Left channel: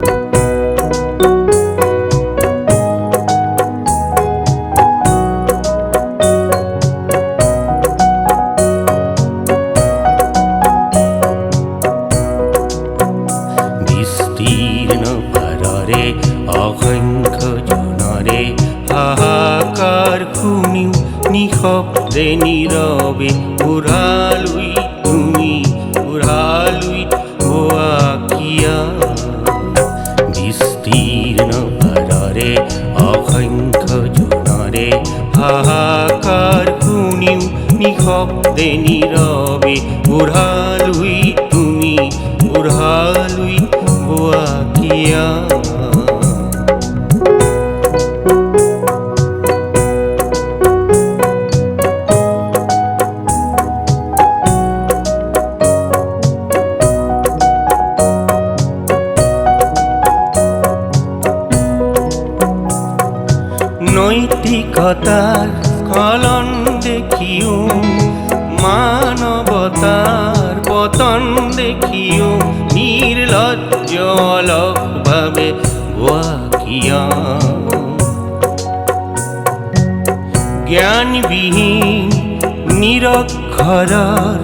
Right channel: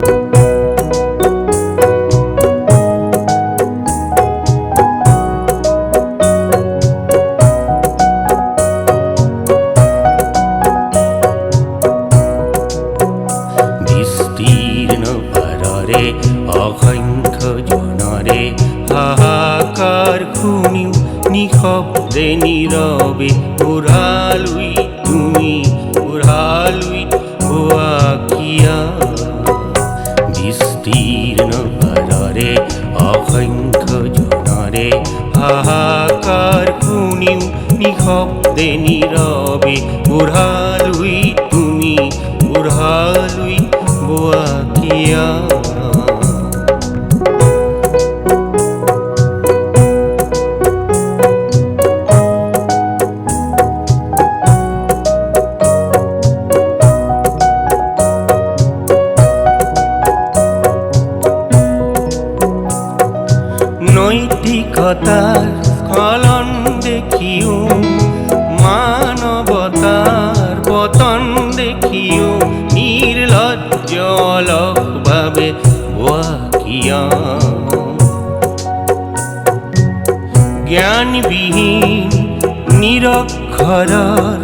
বিস্তীর্ণ পাৰৰে অসংখ্য জনৰে হাহাকাৰ শুনিও নিশব্দে নীৰৱে উৰালুই তুমি উৰালুই বোৱা কিয়া। বিস্তীৰ্ণ পাৰৰে অসংখ্য জনৰে হাহাকাৰ শুনিও নিশব্দে নীৰৱে উৰালুই তুমি উৰালুই বোৱা কিয়া। নৈতিকতাৰ স্খলন দেখিও মানৱতাৰ পতন দেখিও নিৰ্লজ্জ অলসভাৱে বোৱা কিয়া। জ্ঞানবিহীন নিৰক্ষৰৰ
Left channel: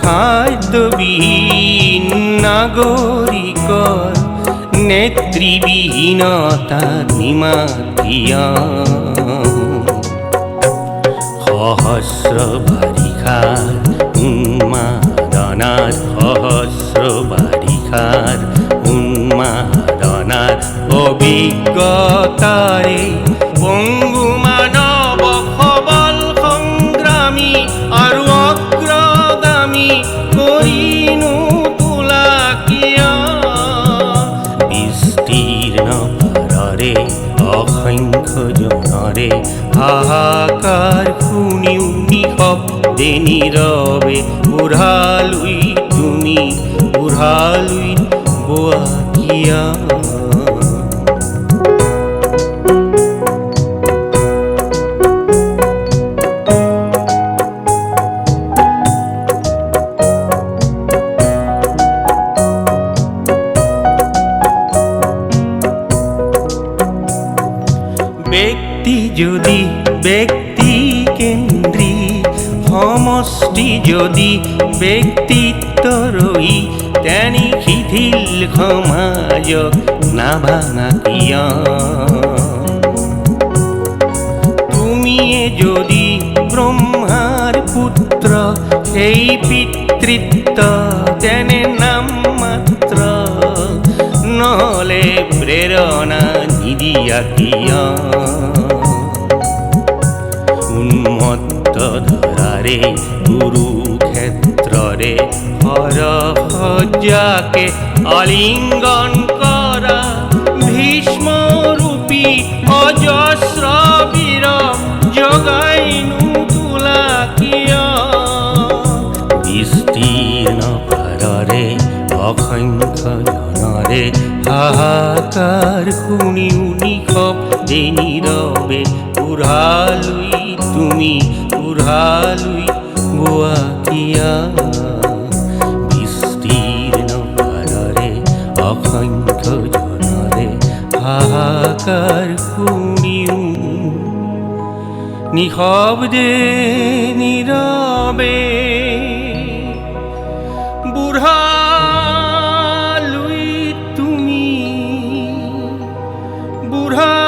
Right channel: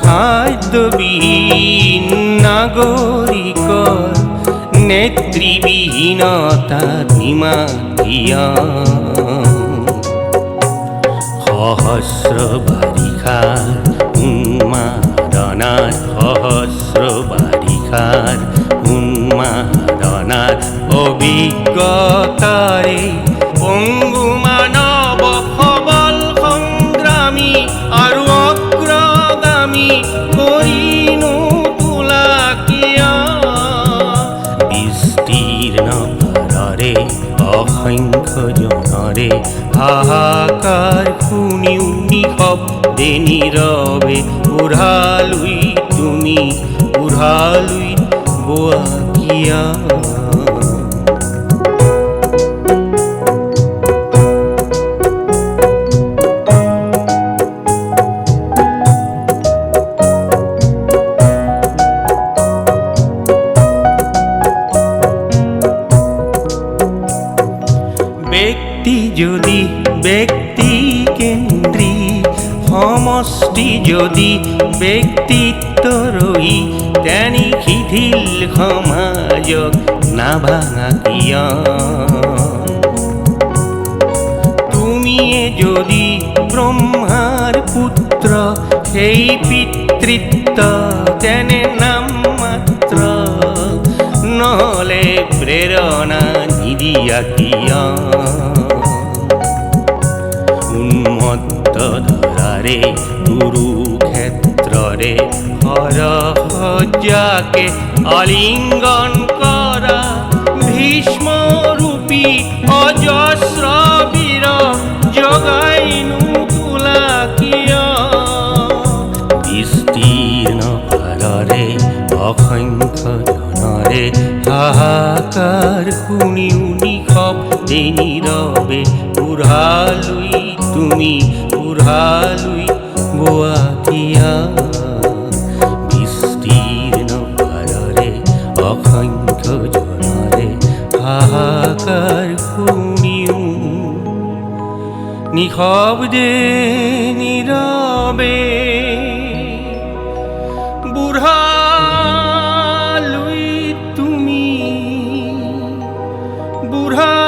খাদ্যবিহীন নাগৰিকৰ নেতৃবিহীনতাৰ নিমাত কিয়া। সহস্ৰ বাৰিষাৰ উন্মাদনাত সহস্ৰ বাৰিষাৰ উন্মাদনাত অভিজ্ঞতাৰে পংগু মানৱ সবল সংগ্ৰামী আৰু অগ্ৰগামী কৰিনো তোলা কিয়া। বিস্তীৰ্ণ পাৰৰে অসংখ্য জনৰে হাহাকাৰ শুনিও নিশব্দে নীৰৱে উৰালুই তুমি উৰালুই বোৱা কিয়া। ব্যক্তি যদি ব্যক্তি কেন্দ্ৰিক সমষ্টি যদি ব্যক্তিত্ব ৰহি তেনি শিথিল সমাজক নাভাঙা কিয়া। তুমিয়ে যদি ব্ৰহ্মাৰ পুত্ৰ সেই পিতৃত্ব তেনে নাম মাত্ৰ নহলে প্ৰেৰণা নিদিয়া কিয়া। উন্মত্ত ধৰাৰে কুৰুক্ষেত্ৰৰে হৰসজ্জাকে আলিংগন কৰা ভীষ্মৰূপী অজস্ৰ বীৰ জগাইনো তোলা কিয়া। বিস্তীৰ্ণ পাৰৰে অসংখ্য জনৰে হাহাকাৰ শুনিও নিশব্দে নীৰৱে উৰালুই তুমি উৰালুই বোৱা কিয়া। বিস্তীৰ্ণ পাৰৰে অসংখ্য জনৰে হাহাকাৰ শুনিও নিশব্দে নীৰৱে উৰালুই তুমি উৰালুই